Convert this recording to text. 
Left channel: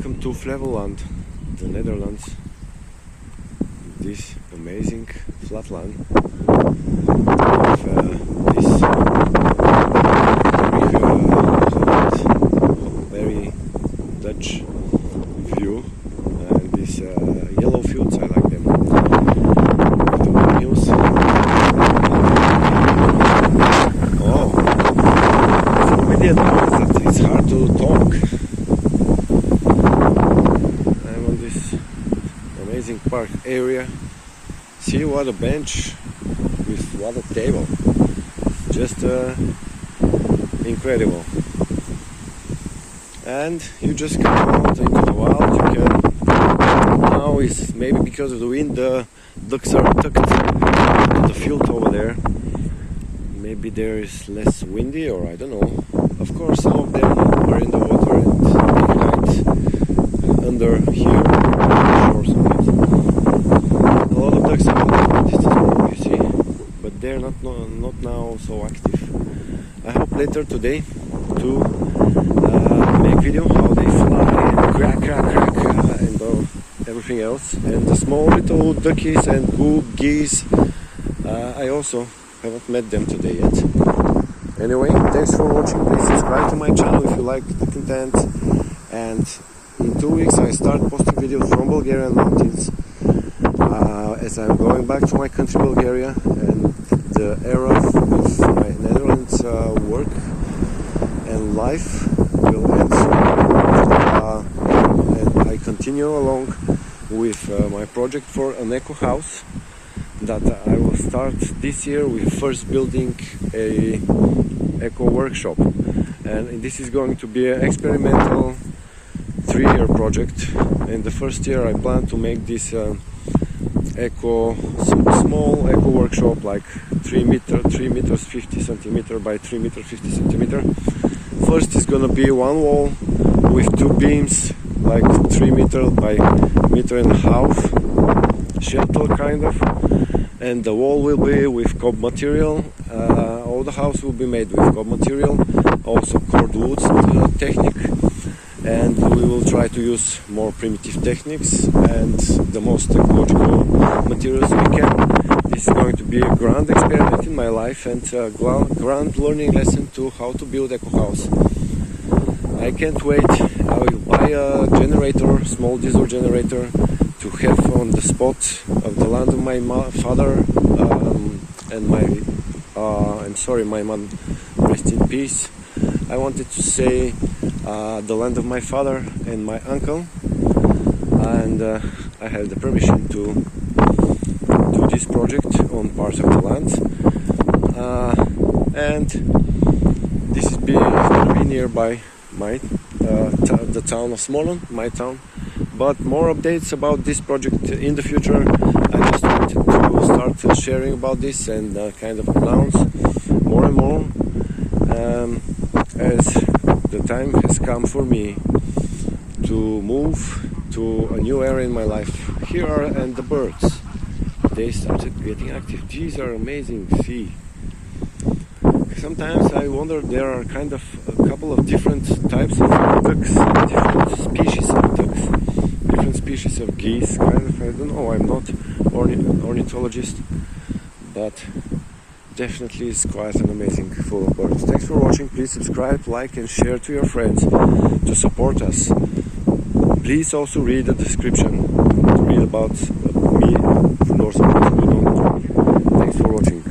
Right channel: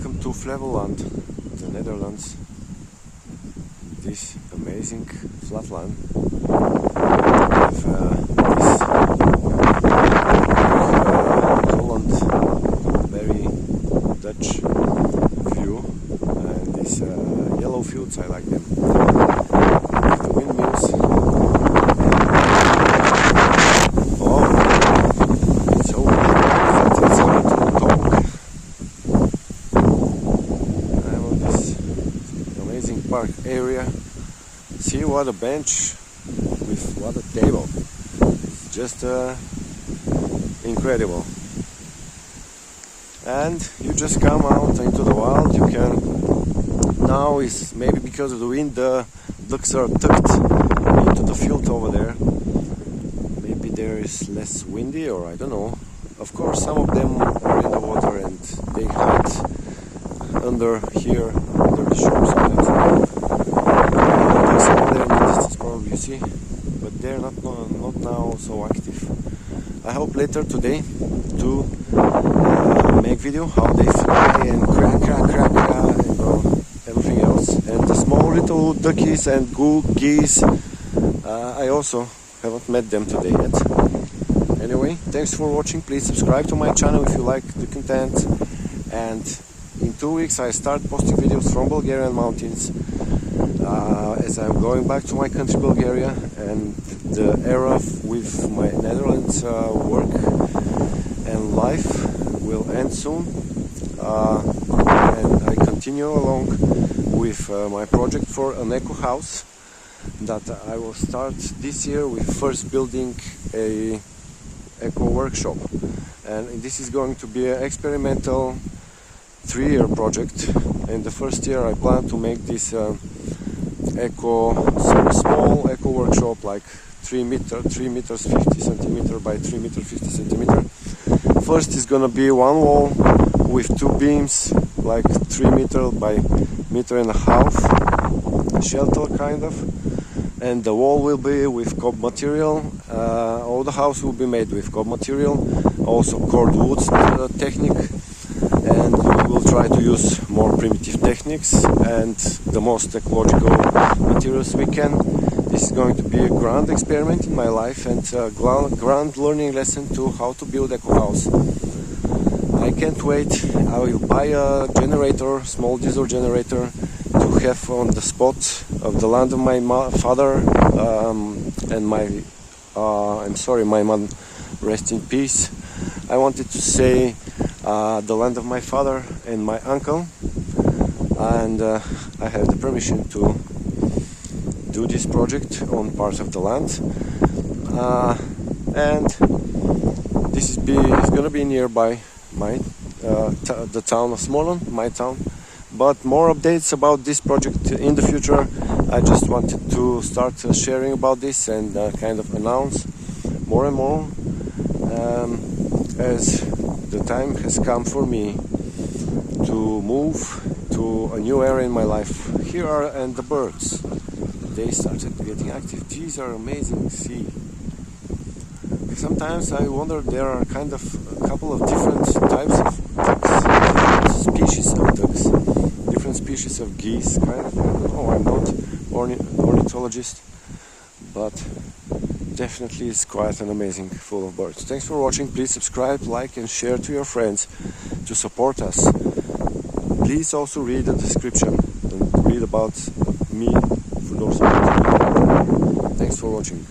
Welcome to Flevoland, the Netherlands. This amazing flatland with this very Dutch view and these yellow fields. I like them. With the windmills. Oh, so weird. It's hard to talk. I'm on this amazing park area. See what a bench with what a table. Just incredible. And you just come out into the wild. You can now is maybe because of the wind the ducks are tucked to the field over there. Maybe there is less windy, or I don't know. Of course, some of them are in the water and they hide under here on the shores of it. All the ducks are in the distance, you see, but they're not now so active. I hope later today to make video how they fly and crack and everything else. And the small little duckies and geese, I also haven't met them today yet. Anyway, thanks for watching. Please subscribe to my channel if you like the content. And in 2 weeks I start posting videos from Bulgarian mountains as I'm going back to my country Bulgaria, and the era with my Netherlands work and life will end soon. And I continue along with my project for an eco house that I will start this year with first building a eco workshop, and this is going to be an experimental 3-year project. In the first year I plan to make this small eco workshop, like 3 meters 50 centimeter by 3 meters 50 centimeter. First is gonna be one wall with 2 beams, like 3 meter by meter and a half, shelter kind of, and the wall will be with cob material. All the house will be made with cob material, also cord wood technique, and we will try to use more primitive techniques and the most ecological materials we can. This is going to be a grand experiment in my life and a grand learning lesson to how to build eco house. I can't wait. I will buy a generator, small diesel generator, to have on the spot of the land of my father and my my mom, rest in peace. I wanted to say the land of my father and my uncle, and I have the permission to do this project on part of the land, and this is going to be nearby my the town of Smolen, my town. But more updates about this project in the future. I just wanted to start sharing about this and kind of announce more and more as the time has come for me to move to a new area in my life. Here are and the birds. They started getting active. These are amazing. See. Sometimes I wonder there are kind of a couple of different types of ducks, different species of ducks, different species of geese. Kind of, I don't know. I'm not ornithologist, but definitely it's quite an amazing full of birds. Thanks for watching. Please subscribe, like and share to your friends to support us. Please also read the description to read about me for those. Thanks for watching.